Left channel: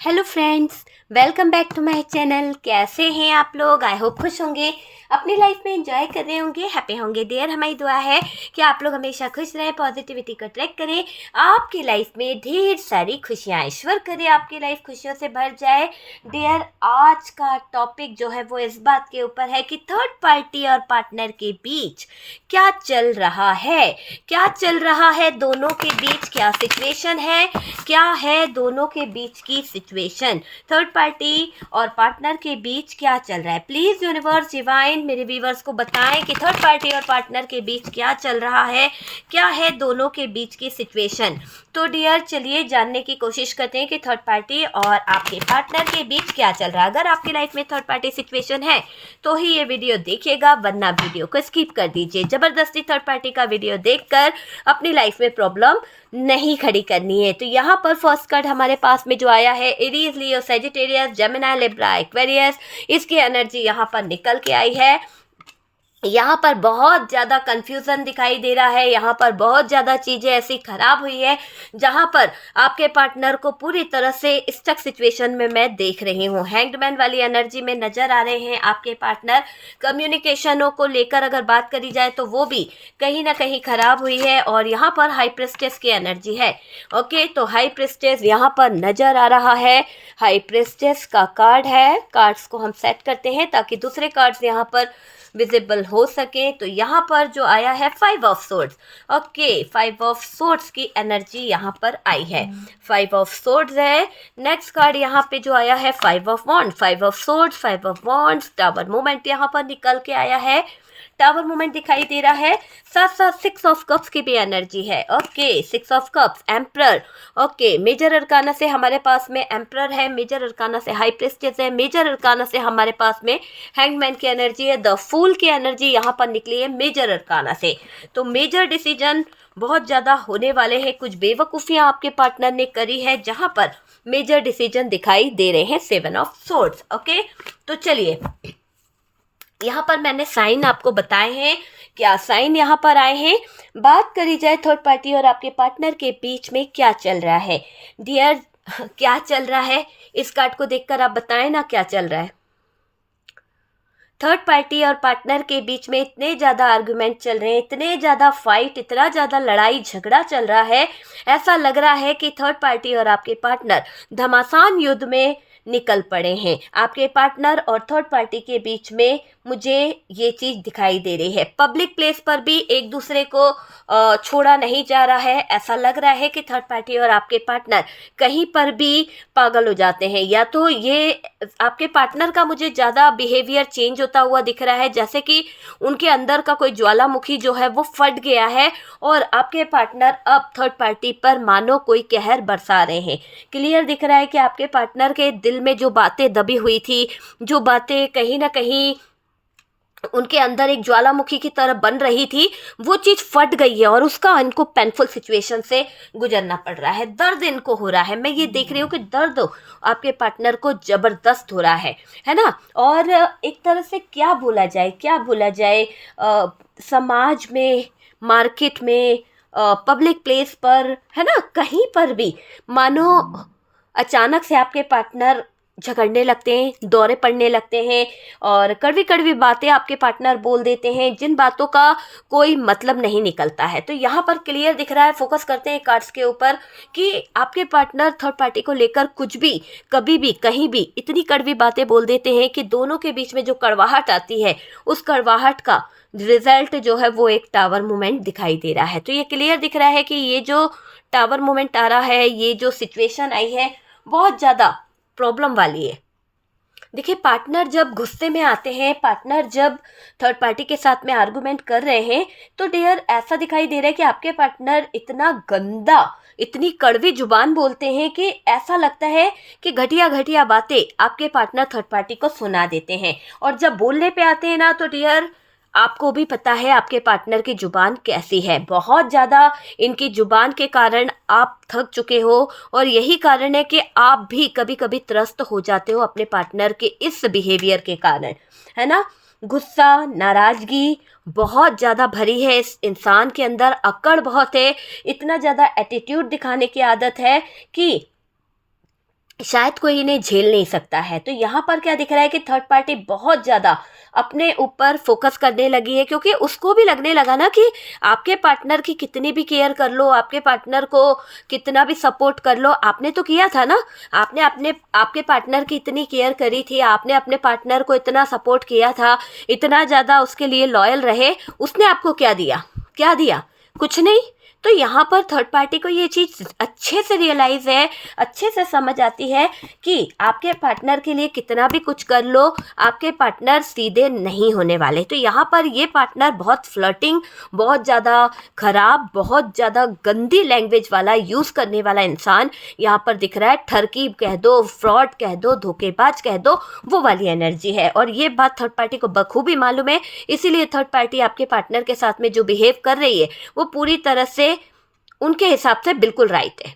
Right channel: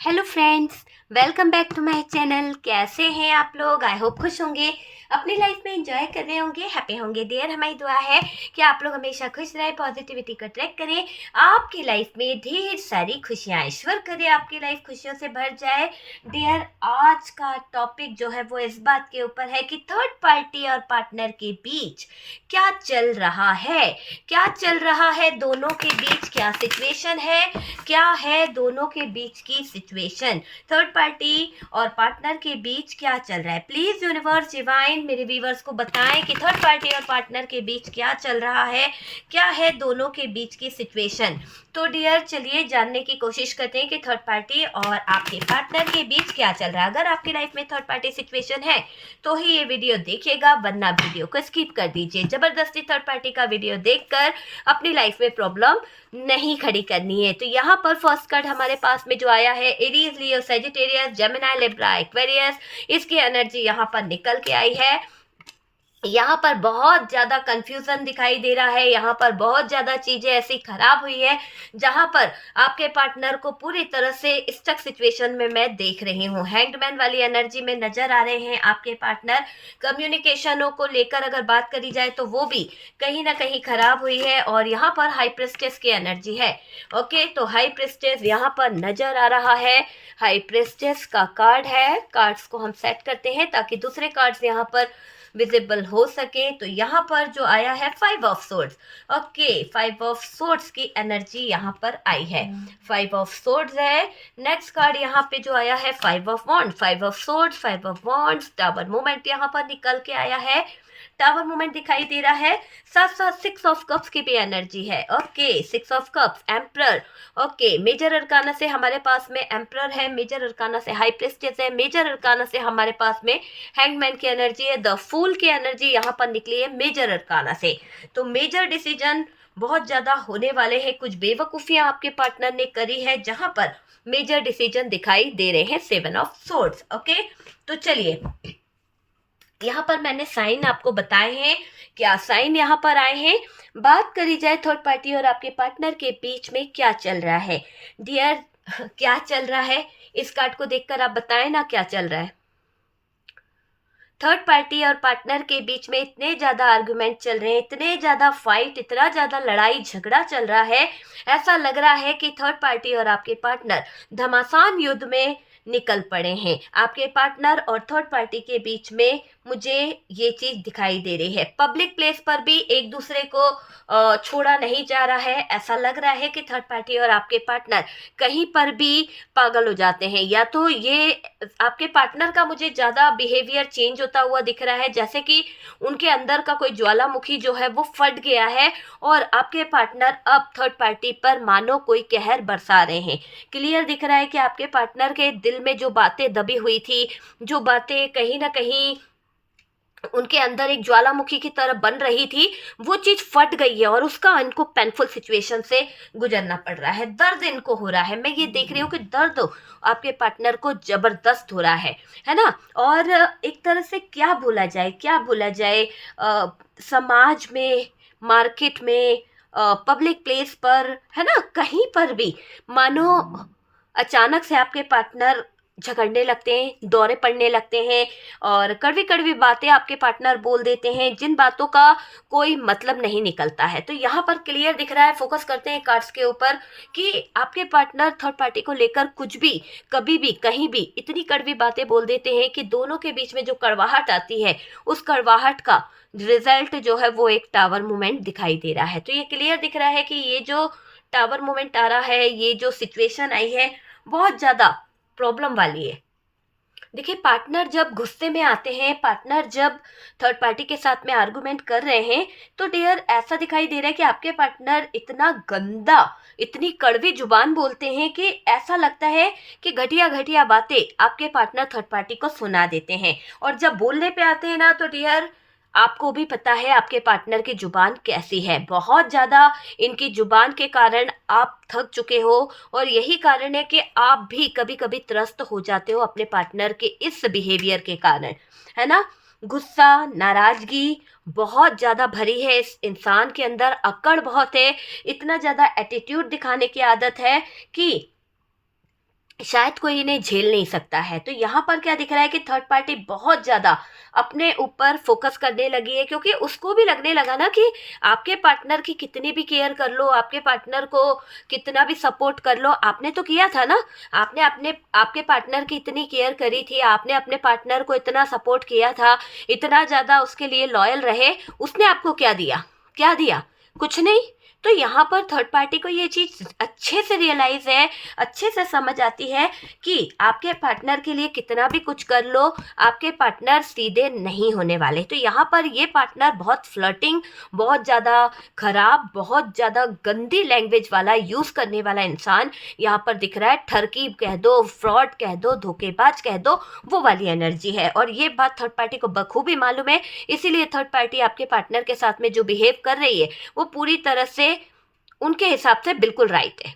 Hello friends, welcome back to my channel. कैसे हैं आप लोग? आई होप खुश होंगे, अपनी लाइफ में एंजॉय कर रहे होंगे, हैप्पी होंगे। डियर, हमारी दुआ है कि आप लोग हमेशा खुश रहें, पॉजिटिविटी को ट्रैक करें, आपकी लाइफ में ढेर सारी खुशियाँ ईश्वर करे आपकी लाइफ खुशियों से भर जाए। डियर, आज का टॉपिक जो है वो इस बात के ऊपर है कि थर्ड पार्टी और पार्टनर के बीच क्या चल रहा है। क्या चल रहा है दोनों के बीच, क्या सिचुएशन है, क्या है दोनों के बीच की सिचुएशन, थर्ड पार्टी और पार्टनर के बीच क्या चल रहा है। प्लीज यूनिवर्स डिवाइन मेरे व्यूवर्स को बताएं कि थर्ड पार्टी और पार्टनर के बीच क्या चल रहा है, क्या है दोनों के बीच की सिचुएशन। तो डियर, चलिए जानने की कोशिश करते हैं कि थर्ड पार्टी और आपके पार्टनर के बीच क्या चल रहा है। अगर आपकी लाइफ में थर्ड पार्टी सिचुएशन है तो ही ये वीडियो देखिएगा, वरना वीडियो को स्किप कर दीजिए। जबरदस्ती थर्ड पार्टी का वीडियो देखकर अपनी लाइफ में प्रॉब्लम नहीं खड़ी करनी है। तो यहाँ पर फर्स्ट कार्ड हमारे पास में जो आया है, एरीज, लियो, सेजिटेरियस, जेमिनी, लिब्रा, एक्वेरियस, इसकी एनर्जी यहाँ पर निकल के आई है। यहाँ पर बहुत ज़्यादा कंफ्यूजन दिखाई दे रहा है, यहाँ पर बहुत ज़्यादा चीज़ें ऐसी खराब हुई है जहाँ पर आपके पार्टनर को पूरी तरह से स्टक सिचुएशन में मैं देख रही हूँ। हैंग्डमैन वाली एनर्जी में नज़र आ रहे हैं आपके पार्टनर। कम्युनिकेशनों को लेकर अगर बात करी जाए तो वो भी कहीं ना कहीं खराब हुई है। और यहाँ पर हाई प्रेस्टेस की एनर्जी है। ओके, तो हाई प्रेस्टेस यहाँ पर नज़र आ रहा है। हाई प्रेस्टेस का कार्ड है। कार्ड्स को हम सेट करते हैं ताकि दूसरे कार्ड्स यहाँ पर विजिबल हो सके। तो यहाँ पर जो आया है five of swords. Okay, five of swords की एनर्जी यहाँ पर आई है। फाइव ऑफ सोर्ड्स है। नेक्स्ट कार्ड यहाँ पे जो आया है five of wand. Five of swords, five of wands, tower moment यहाँ पर निकल के आया है। टावर मोमेंट दिखाई दे रहा है। साथ साथ सिक्स ऑफ कप्स की भी एनर्जी है। Okay, six of cups, emperor. Okay, major arcana से हमारे पास में एम्परर है, मेजर अरकाना से हाई प्रेस्टिस है, मेजर अरकाना से हमारे पास में हैंगमैन की एनर्जी है। द फूल की एनर्जी यहाँ पर निकली है मेजर अरकाना से। तो मेजर डिसीजन बहुत ज़्यादा होने वाले हैं। कुछ बेवकूफ़ियाँ आपके पार्टनर ने करी है जहाँ पर मेजर डिसीजन दिखाई दे रहे हैं। Seven of swords. ओके, तो चलिए, यहाँ पर मैंने साइन आपको बताए हैं। क्या साइन यहाँ पर आए हैं? बात करी जाए थर्ड पार्टी और आपके पार्टनर के बीच में क्या चल रहा है। डियर, क्या चल रहा है? इस कार्ड को देखकर आप बताएं ना क्या चल रहा है। थर्ड पार्टी और पार्टनर के बीच में इतने ज़्यादा आर्गुमेंट चल रहे हैं, इतने ज़्यादा फाइट, इतना ज़्यादा लड़ाई झगड़ा चल रहा है। ऐसा लग रहा है कि थर्ड पार्टी और आपके पार्टनर घमासान युद्ध में निकल पड़े हैं। आपके पार्टनर और थर्ड पार्टी के बीच में मुझे ये चीज़ दिखाई दे रही है। पब्लिक प्लेस पर भी एक दूसरे को छोड़ा नहीं जा रहा है। ऐसा लग रहा है कि थर्ड पार्टी और आपके पार्टनर कहीं पर भी पागल हो जाते हैं। या तो ये आपके पार्टनर का मुझे ज़्यादा बिहेवियर चेंज होता हुआ दिख रहा है, जैसे कि उनके अंदर का कोई ज्वालामुखी जो है वो फट गया है और आपके पार्टनर अब थर्ड पार्टी पर मानो कोई कहर बरसा रहे हैं। क्लियर दिख रहा है कि आपके पार्टनर के दिल में जो बातें दबी हुई थी, जो बातें कहीं ना कहीं उनके अंदर एक ज्वालामुखी की तरह बन रही थी, वो चीज़ फट गई है और उसका इनको पेनफुल सिचुएशन से गुजरना पड़ रहा है। दर्द इनको हो रहा है। मैं ये देख रही हूँ कि दर्द आपके पार्टनर को जबरदस्त हो रहा है ना। और एक तरह से क्या बोला जाए, क्या बोला जाए, समाज में, मार्केट में, पब्लिक प्लेस पर, है ना, कहीं पर भी मानो अचानक से आपके पार्टनर झगड़ने लगते हैं, दौरे पड़ने लगते हैं और कड़वी कड़वी बातें आपके पार्टनर बोल देते हैं, जिन बातों का कोई मतलब नहीं निकलता है। तो यहाँ पर क्लियर दिख रहा है, फोकस करते हैं कार्ड्स के ऊपर, कि आपके पार्टनर थर्ड पार्टी को लेकर कुछ भी, कभी भी, कहीं भी इतनी कड़वी बातें बोल देते हैं कि दोनों के बीच में जो कड़वाहट आती है, उस कड़वाहट का रिजल्ट जो है वो एक टावर मूवमेंट दिखाई दे रहा है। तो ये क्लियर दिख रहा है कि ये जो टावर मूवमेंट आ रहा है, ये जो सिचुएशन आई है, बहुत ज़्यादा प्रॉब्लम वाली है। देखिए, पार्टनर जब गुस्से में आते हैं, पार्टनर जब थर्ड पार्टी के साथ में आर्गुमेंट कर रहे हैं, तो डियर ऐसा दिखाई दे रहा है कि आपके पार्टनर इतना गंदा, इतनी कड़वी जुबान बोलते हैं कि ऐसा लगता है कि घटिया घटिया बातें आपके पार्टनर थर्ड पार्टी को सुना देते हैं। और जब बोलने पे आते हैं ना, तो डियर आपको भी पता है आपके पार्टनर की जुबान कैसी है। बहुत ज़्यादा इनकी जुबान के कारण आप थक चुके हो और यही कारण है कि आप भी कभी कभी त्रस्त हो जाते हो अपने पार्टनर के इस बिहेवियर के कारण, है ना। गुस्सा, नाराज़गी बहुत ज़्यादा भरी है इस इंसान के अंदर, अकड़ बहुत है, इतना ज़्यादा एटीट्यूड दिखाने की आदत है कि शायद कोई इन्हें झेल नहीं सकता है। तो यहाँ पर क्या दिख रहा है कि थर्ड पार्टी बहुत ज़्यादा अपने ऊपर फोकस करने लगी है, क्योंकि उसको भी लगने लगा ना कि आपके पार्टनर की कितनी भी केयर कर लो, आपके पार्टनर को कितना भी सपोर्ट कर लो, आपने तो किया था ना, आपने अपने आपके पार्टनर की इतनी केयर करी थी, आपने अपने पार्टनर को इतना सपोर्ट किया था, इतना ज़्यादा उसके लिए लॉयल रहे, उसने आपको क्या दिया? क्या दिया? कुछ नहीं। तो यहाँ पर थर्ड पार्टी को ये चीज़ अच्छे से रियलाइज है, अच्छे से समझ आती है कि आपके पार्टनर के लिए कितना भी कुछ कर लो, आपके पार्टनर सीधे नहीं होने वाले। तो यहाँ पर ये पार्टनर बहुत फ्लर्टिंग, बहुत ज़्यादा खराब, बहुत ज़्यादा गंदी लैंग्वेज वाला यूज़ करने वाला इंसान यहाँ पर दिख रहा है। ठरकी कह दो, फ्रॉड कह दो, धोखेबाज कह दो, वो वाली एनर्जी है। और ये बात थर्ड पार्टी को बखूबी मालूम है, इसीलिए थर्ड पार्टी आपके पार्टनर के साथ में जो बिहेव कर रही है वो पूरी तरह से उनके हिसाब से बिल्कुल राइट है।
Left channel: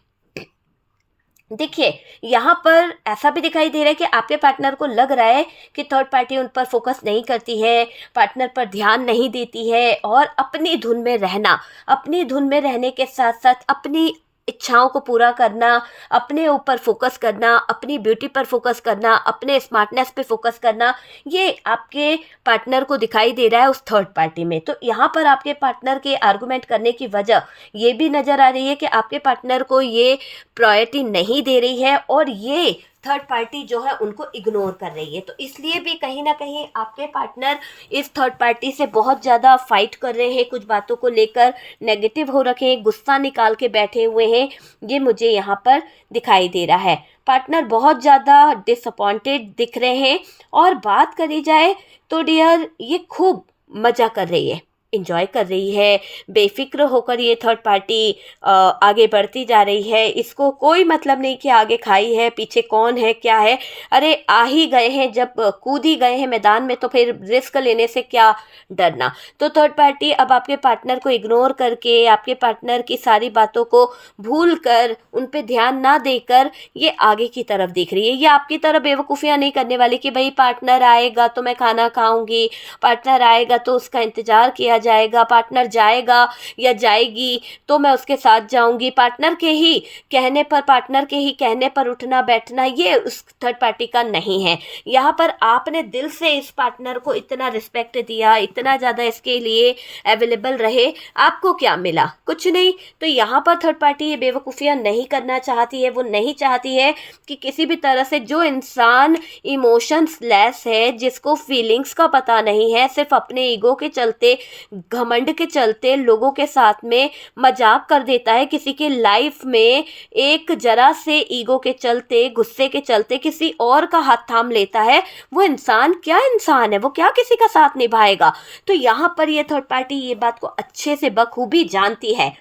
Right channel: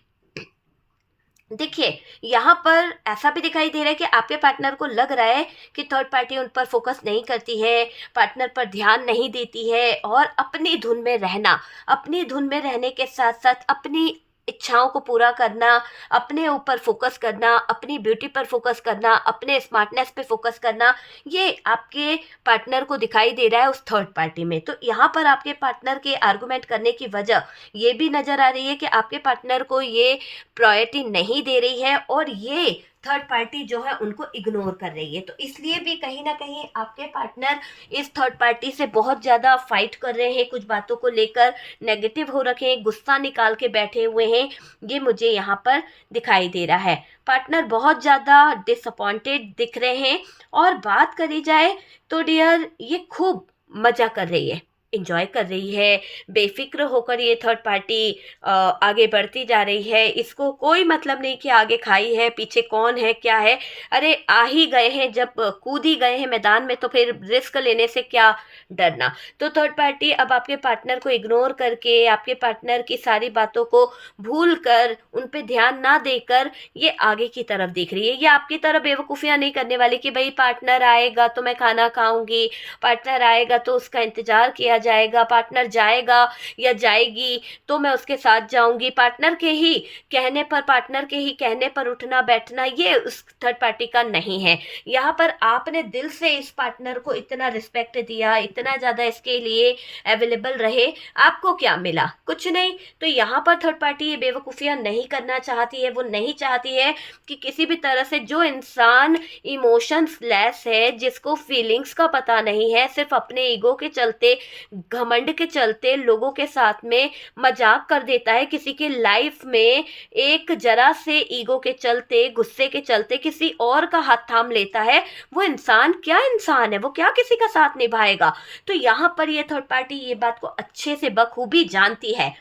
देखिए, यहाँ पर ऐसा भी दिखाई दे रहा है कि आपके पार्टनर को लग रहा है कि थर्ड पार्टी उन पर फोकस नहीं करती है, पार्टनर पर ध्यान नहीं देती है, और अपनी धुन में रहना, अपनी धुन में रहने के साथ साथ अपनी इच्छाओं को पूरा करना, अपने ऊपर फोकस करना, अपनी ब्यूटी पर फोकस करना, अपने स्मार्टनेस पे फोकस करना, ये आपके पार्टनर को दिखाई दे रहा है उस थर्ड पार्टी में। तो यहाँ पर आपके पार्टनर के आर्गुमेंट करने की वजह ये भी नज़र आ रही है कि आपके पार्टनर को ये प्रायोरिटी नहीं दे रही है, और ये थर्ड पार्टी जो है उनको इग्नोर कर रही है। तो इसलिए भी कहीं ना कहीं आपके पार्टनर इस थर्ड पार्टी से बहुत ज़्यादा फाइट कर रहे हैं, कुछ बातों को लेकर नेगेटिव हो रखे हैं, गुस्सा निकाल के बैठे हुए हैं, ये मुझे यहाँ पर दिखाई दे रहा है। पार्टनर बहुत ज़्यादा डिसअपॉइंटेड दिख रहे हैं, और बात करी जाए तो डियर ये खूब मज़ा कर रही है, इंजॉय कर रही है, बेफिक्र होकर ये थर्ड पार्टी आगे बढ़ती जा रही है। इसको कोई मतलब नहीं कि आगे खाई है, पीछे कौन है, क्या है। अरे आ ही गए हैं, जब कूद ही गए हैं मैदान में, तो फिर रिस्क लेने से क्या डरना। तो थर्ड पार्टी अब आपके पार्टनर को इग्नोर करके, आपके पार्टनर की सारी बातों को भूल कर, उन पे ध्यान ना देकर ये आगे की तरफ देख रही है। ये आपकी तरह बेवकूफ़ियाँ नहीं करने वाली कि भाई पार्टनर आएगा तो मैं खाना खाऊंगी, पार्टनर आएगा तो उसका इंतज़ार किया जाएगा, पार्टनर जाएगा या जाएगी तो मैं उसके साथ जाऊंगी, पार्टनर के ही कहने पर, पार्टनर के ही कहने पर उठना बैठना, ये उस थर्ड पार्टी का नहीं है। यहाँ पर आपने दिल से इस पार्टनर को इतना रिस्पेक्ट दिया, इतना ज़्यादा इसके लिए अवेलेबल रहे, आपको क्या मिला? कुछ नहीं। तो यहाँ पर थर्ड पार्टी ये बेवकूफ़ियाँ नहीं करना चाहती है। वो नहीं चाहती है कि किसी भी तरह से जो इंसान इमोशंस लेस है, जिसको फीलिंग्स का पता नहीं है, सिर्फ अपने ईगो के चलते, घमंड के चलते लोगों के साथ में मजाक कर देता है, किसी के लाइफ में एक जरा से ईगो के चलते, गुस्से के चलते किसी और का हाथ थाम लेता है, वो इंसान क्या इंसान है? वो क्या किसी का साथ निभाएगा? तो यहाँ पर ये थर्ड पार्टी ये बात को अच्छे से बखूबी जानती है।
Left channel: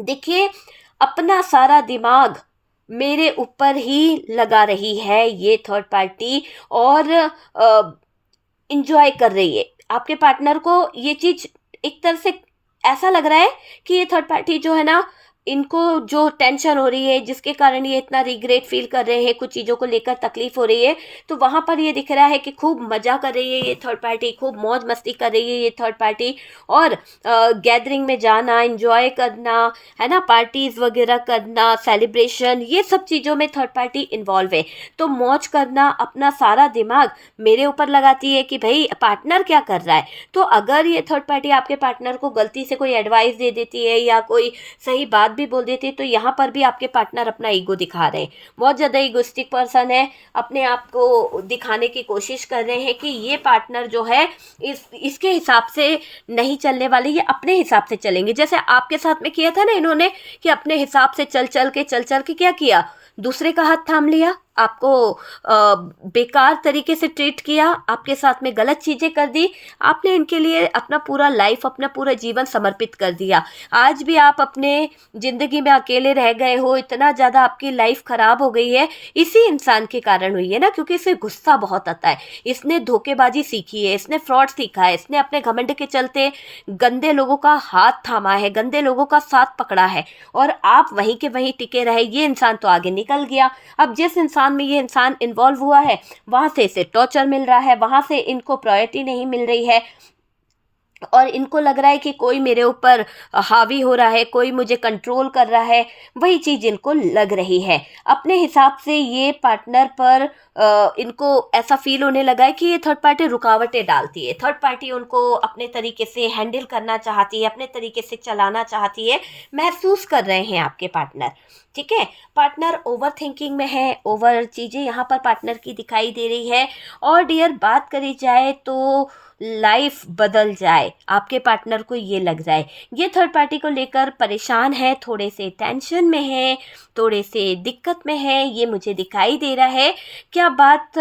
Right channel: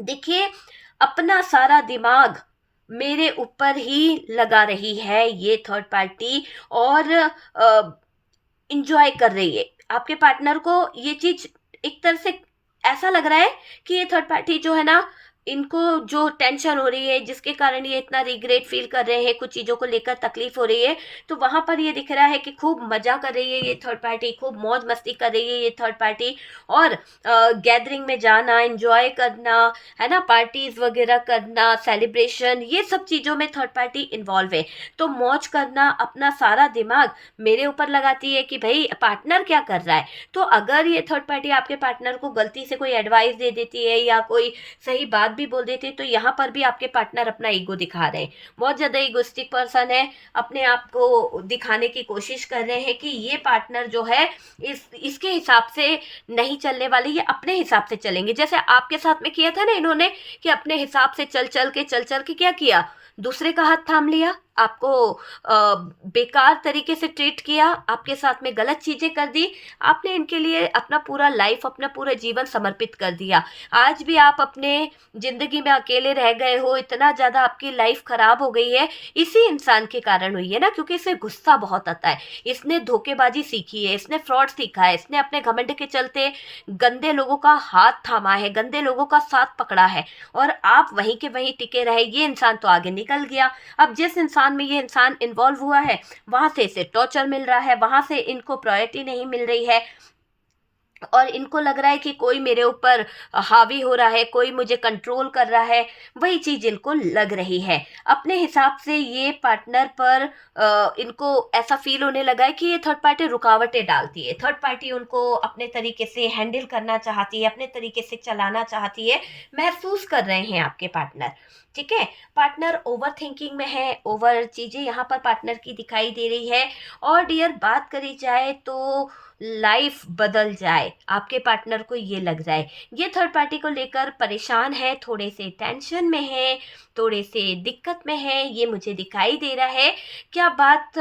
देखिए, अपना सारा दिमाग मेरे ऊपर ही लगा रही है ये थर्ड पार्टी, और इंजॉय कर रही है। आपके पार्टनर को ये चीज़ एक तरह से ऐसा लग रहा है कि ये थर्ड पार्टी जो है ना, इनको जो टेंशन हो रही है, जिसके कारण ये इतना रिग्रेट फील कर रहे हैं, कुछ चीज़ों को लेकर तकलीफ हो रही है, तो वहाँ पर ये दिख रहा है कि खूब मज़ा कर रही है ये थर्ड पार्टी, खूब मौज मस्ती कर रही है ये थर्ड पार्टी। और गैदरिंग में जाना, एंजॉय करना, है ना, पार्टीज़ वगैरह करना, सेलिब्रेशन, ये सब चीज़ों में थर्ड पार्टी इन्वॉल्व है। तो मौज करना, अपना सारा दिमाग मेरे ऊपर लगाती है कि भाई पार्टनर क्या कर रहा है। तो अगर ये थर्ड पार्टी आपके पार्टनर को गलती से कोई एडवाइस दे देती है या कोई सही बात भी बोल देती है, तो यहाँ पर भी आपके पार्टनर अपना ईगो दिखा रहे हैं, बहुत ज़्यादा ईगोस्टिक पर्सन है, अपने आप को दिखाने की कोशिश कर रहे हैं कि ये पार्टनर जो है इसके हिसाब से नहीं चलने वाले, ये अपने हिसाब से चलेंगे। जैसे आपके साथ में किया था ना इन्होंने, कि अपने हिसाब से चल चल के क्या किया, दूसरे का हाथ थाम लिया, आपको बेकार तरीके से ट्रीट किया, आपके साथ में गलत चीज़ें कर दी, आपने इनके लिए अपना पूरा लाइफ, अपना पूरा जीवन समर्पित कर दिया। आज भी आप अपने ज़िंदगी में अकेले रह गए हो, इतना ज़्यादा आपकी लाइफ ख़राब हो गई है, इसी इंसान के कारण हुई है ना, क्योंकि इसे गुस्सा बहुत आता है, इसने धोखेबाजी सीखी है, इसने फ्रॉड सीखा है, इसने अपने घमंड के चलते गंदे लोगों का हाथ थामा है, गंदे लोगों का साथ पकड़ा है, और आप वहीं के वहीं टिके रहे। ये इंसान तो आगे निकल गया। अब जिस इंसान में ये इंसान इन्वॉल्व हुआ है, वहां से इसे टॉर्चर मिल रहा है, वहां से इनको प्रायोरिटी नहीं मिल रही है, और इनको लग रहा है कि कोई मेरे ऊपर हावी हो रहा है, कोई मुझे कंट्रोल कर रहा है, वही चीज़ इनको लग रही है। अपने हिसाब से ये पार्टनर पर इनको ऐसा फ़ील होने लगा है कि ये थर्ड पार्टी रुकावटें डालती है, थर्ड पार्टी उनको अपने तरीके से हैंडल करना चाहती है, अपने तरीके से चलाना चाहती है, महसूस कर रहे हैं आपके पार्टनर। ठीक है? पार्टनर ओवर थिंकिंग में है, ओवर चीज़ें यहाँ पर पार्टनर की दिखाई दे रही है। और डियर बात करी जाए तो लाइफ बदल जाए, आपके पार्टनर को ये लग जाए, ये थर्ड पार्टी को लेकर परेशान है, थोड़े से टेंशन में है, थोड़े से दिक्कत में है, ये मुझे दिखाई दे रहा है। क्या बात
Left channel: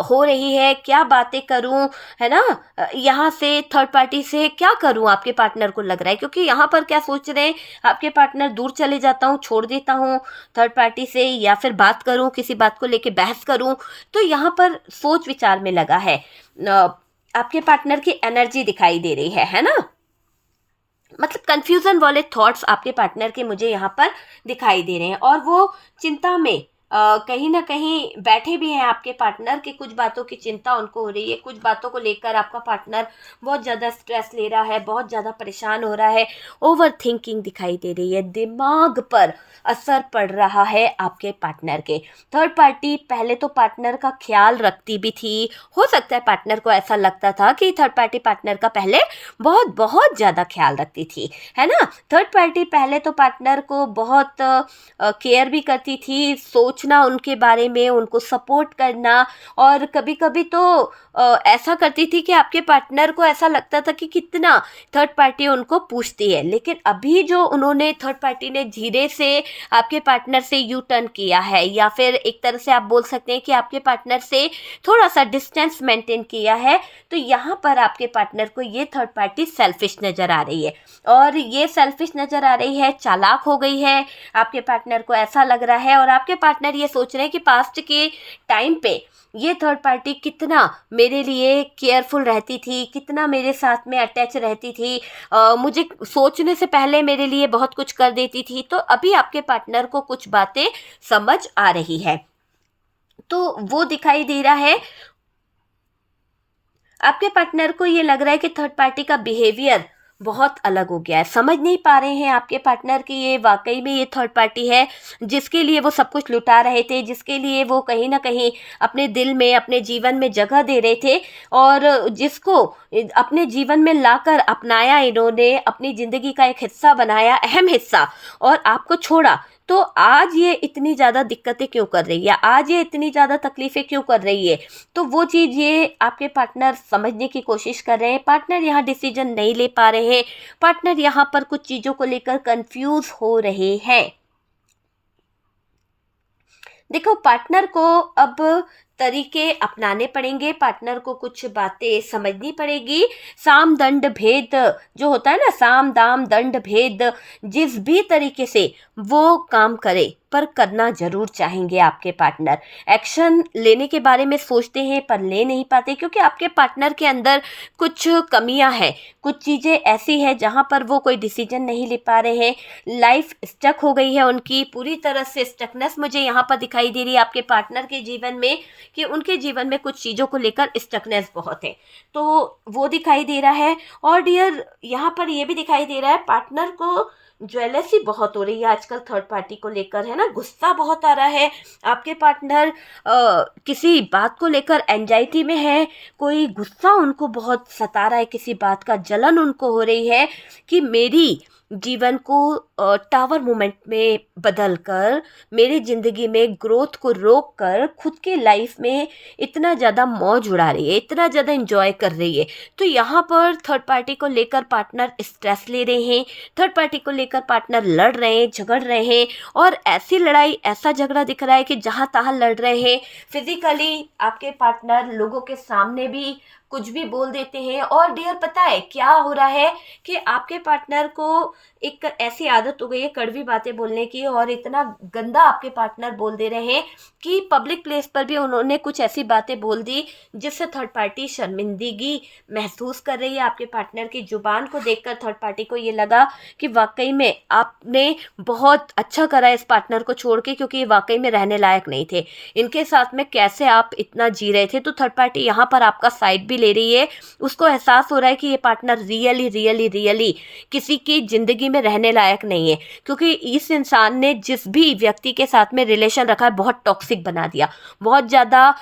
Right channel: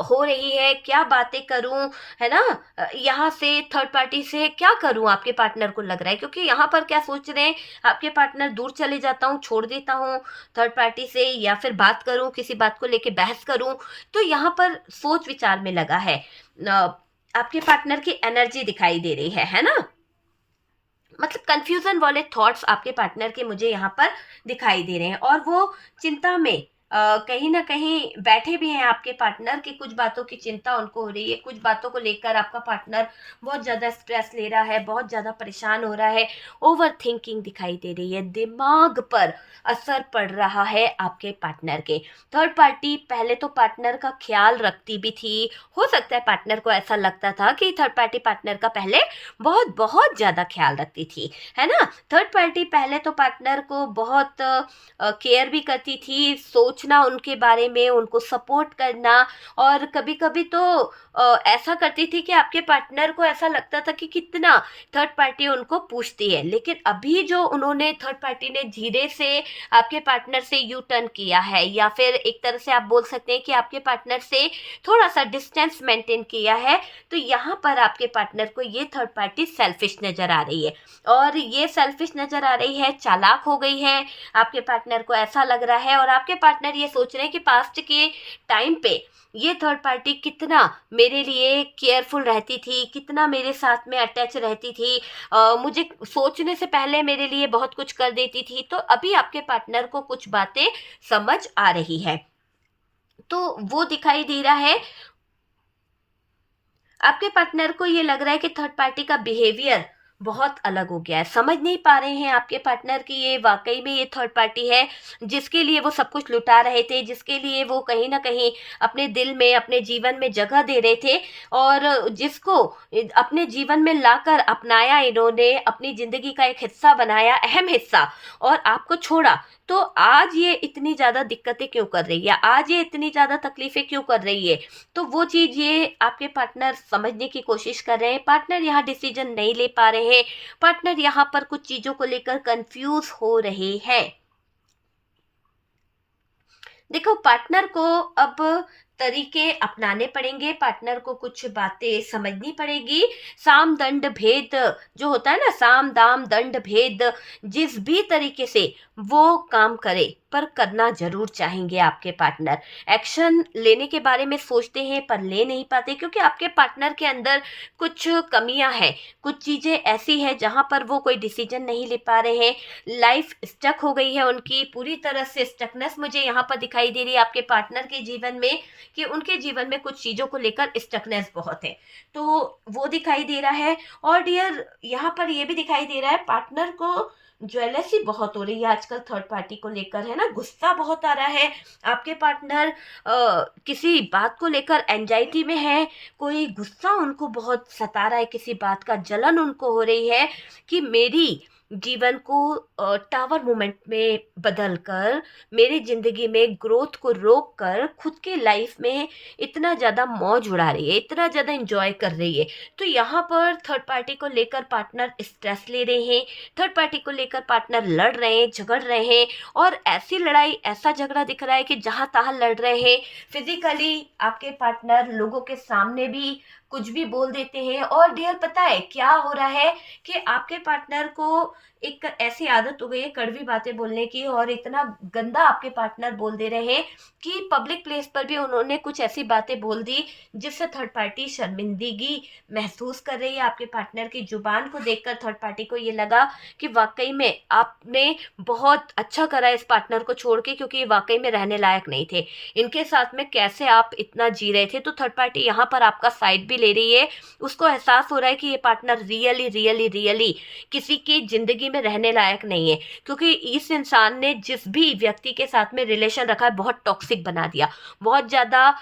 हो रही है, क्या बातें करूं, है ना? यहाँ से थर्ड पार्टी से क्या करूं, आपके पार्टनर को लग रहा है, क्योंकि यहाँ पर क्या सोच रहे हैं आपके पार्टनर, दूर चले जाता हूँ, छोड़ देता हूँ थर्ड पार्टी से, या फिर बात करूं, किसी बात को लेके बहस करूं। तो यहाँ पर सोच विचार में लगा है। आपके पार्टनर की एनर्जी दिखाई दे रही है ना? मतलब कंफ्यूजन वाले थॉट्स आपके पार्टनर के मुझे यहाँ पर दिखाई दे रहे हैं, और वो चिंता में कहीं ना कहीं बैठे भी हैं। आपके पार्टनर की कुछ बातों की चिंता उनको हो रही है, कुछ बातों को लेकर आपका पार्टनर बहुत ज़्यादा स्ट्रेस ले रहा है, बहुत ज़्यादा परेशान हो रहा है, ओवर थिंकिंग दिखाई दे रही है, दिमाग पर असर पड़ रहा है आपके पार्टनर के। थर्ड पार्टी पहले तो पार्टनर का ख्याल रखती भी थी, हो सकता है पार्टनर को ऐसा लगता था कि थर्ड पार्टी पार्टनर का पहले बहुत बहुत ज़्यादा ख्याल रखती थी, है ना? थर्ड पार्टी पहले तो पार्टनर को बहुत केयर भी करती थी, सोचना उनके बारे में, उनको सपोर्ट करना, और कभी कभी तो ऐसा करती थी कि आपके पार्टनर को ऐसा लगता था कि कितना थर्ड पार्टी उनको पूछती है। लेकिन अभी जो उन्होंने, थर्ड पार्टी ने धीरे से आपके पार्टनर से यू टर्न किया है, या फिर एक तरह से आप बोल सकते हैं कि आपके पार्टनर से थोड़ा सा डिस्टेंस मेंटेन किया है, तो यहाँ पर आपके पार्टनर को ये थर्ड पार्टी सेल्फिश नज़र आ रही है। और ये सेल्फिश नज़र आ रही है, चालाक हो गई है, आपके पार्टनर को ऐसा लग रहा है। और आपके पार्टनर ये सोच रहे हैं कि पास्ट के टाइम पे ये थर्ड पार्टी कितना मेरे लिए केयरफुल रहती थी, कितना मेरे साथ में अटैच रहती थी, मुझे सोचने से पहले मेरे लिए बहुत कुछ कर देती थी। तो अभी आपके पार्टनर को कुछ बातें समझ आ रही है, तो वो दिखाई दे रहा है। आपके पार्टनर को ये लग रहा है कि थर्ड पार्टी का बिहेवियर बहुत अलग हो गया है, समझ नहीं पा रहे हैं आपके पार्टनर की ये वाकई में ये थर्ड पार्टी है जिसके लिए वो सब कुछ लुटा रहे थे, जिसके लिए वो कहीं ना कहीं अपने दिल में, अपने जीवन में जगह दे रहे थे, और जिसको अपने जीवन में लाकर अपनाया इन्होंने, अपनी ज़िंदगी का एक हिस्सा बनाया, अहम हिस्सा, और आपको छोड़ा। तो आज ये इतनी ज़्यादा दिक्कतें क्यों कर रही है, आज ये इतनी ज़्यादा तकलीफ़ें क्यों कर रही है? तो वो चीज़ ये आपके पार्टनर समझने की कोशिश कर रहे हैं। पार्टनर यहाँ डिसीजन नहीं ले पा रहे हैं, पार्टनर यहाँ पर कुछ चीज़ों को लेकर कंफ्यूज हो रहे हैं। देखो, पार्टनर को अब तरीके अपनाने पड़ेंगे, पार्टनर को कुछ बातें समझनी पड़ेगी। साम दंड भेद जो होता है ना, साम दाम दंड भेद, जिस भी तरीके से वो काम करे, पर करना जरूर चाहेंगे आपके पार्टनर। एक्शन लेने के बारे में सोचते हैं पर ले नहीं पाते, क्योंकि आपके पार्टनर के अंदर कुछ कमियां हैं, कुछ चीज़ें ऐसी हैं जहां पर वो कोई डिसीजन नहीं ले पा रहे हैं। लाइफ स्टक हो गई है उनकी, पूरी तरह से स्टकनेस मुझे यहाँ पर दिखाई दे रही है आपके पार्टनर के जीवन में, कि उनके जीवन में कुछ चीज़ों को लेकर स्टकनेस बहुत है, तो वो दिखाई दे रहा है। और डियर यहाँ पर ये भी दिखाई दे रहा है, पार्टनर को ज्वेलसी बहुत हो रही है आजकल थर्ड पार्टी को लेकर, है ना? गुस्सा बहुत आ रहा है। आपके पार्टनर किसी बात को लेकर एंजाइटी में है, कोई गुस्सा उनको बहुत सता रहा है, किसी बात का जलन उनको हो रही है कि मेरी जीवन को टावर मोमेंट में बदल कर, मेरी ज़िंदगी में ग्रोथ को रोक कर, खुद की लाइफ में इतना ज़्यादा मौज उड़ा रही है, इतना ज़्यादा इंजॉय कर रही है। तो यहाँ पर थर्ड पार्टी को लेकर पार्टनर स्ट्रेस ले रहे हैं, थर्ड पार्टी को लेकर पार्टनर लड़ रहे हैं, झगड़ रहे हैं, और ऐसी लड़ाई, ऐसा झगड़ा दिख रहा है कि जहाँ तहाँ लड़ रहे हैं। फिजिकली आपके पार्टनर लोगों के सामने भी कुछ भी बोल देते हैं। और डियर पता है क्या हो रहा है, कि आपके पार्टनर को एक ऐसी आदत हो गई है कड़वी बातें बोलने की, और इतना गंदा आपके पार्टनर बोल दे रहे हैं कि पब्लिक प्लेस पर भी उन्होंने कुछ ऐसी बातें बोल दी जिससे थर्ड पार्टी शर्मिंदगी महसूस कर रही है। आपके पार्टनर की जुबान को देखकर थर्ड पार्टी को ये लगा कि वाकई में आपने बहुत अच्छा करा इस पार्टनर को छोड़ के, क्योंकि ये वाकई में रहने लायक नहीं थे। इनके साथ में कैसे आप इतना जी रहे थे। तो थर्ड पार्टी यहाँ पर आपका साइड भी ले रही है। उसको एहसास हो रहा है कि ये पार्टनर रियली रियली रियली किसी की जिंदगी में रहने लायक नहीं है, क्योंकि इस इंसान ने जिस भी व्यक्ति के साथ में रिलेशन रखा है बहुत टॉक्सिक बना दिया, बहुत ज़्यादा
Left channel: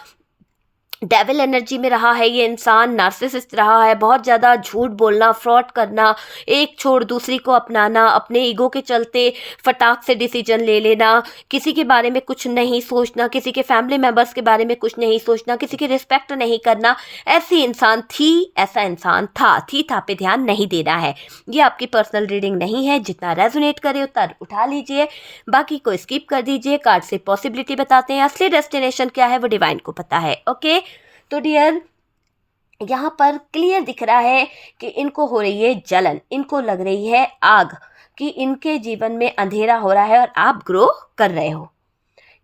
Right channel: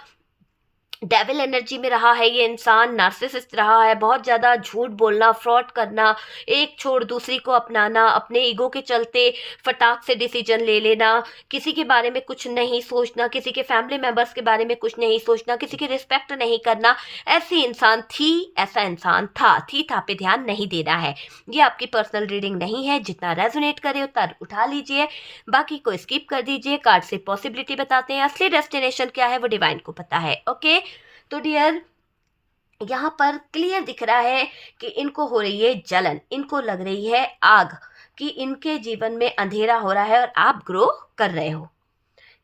डेविल एनर्जी में रहा है ये इंसान, नार्सिसिस्ट रहा है, बहुत ज़्यादा झूठ बोलना, फ्रॉड करना, एक छोड़ दूसरी को अपनाना, अपने ईगो के चलते फटाक से डिसीजन ले लेना, किसी के बारे में कुछ नहीं सोचना, किसी के फैमिली मेम्बर्स के बारे में कुछ नहीं सोचना, किसी की रिस्पेक्ट नहीं करना। ऐसी इंसान थी, ऐसा इंसान था, थी था पे ध्यान नहीं देना है। ये आपकी पर्सनल रीडिंग नहीं है, जितना रेजोनेट करे उतना उठा लीजिए, बाकी को स्किप कर दीजिए। कार्ड से पॉसिबिलिटी बताते हैं, असली डेस्टिनेशन क्या है वो डिवाइन को पता है। ओके, तो डियर यहाँ पर क्लियर दिख रहा है कि इनको हो रही है जलन, इनको लग रही है आग, कि इनके जीवन में अंधेरा हो रहा है और आप ग्रो कर रहे हो।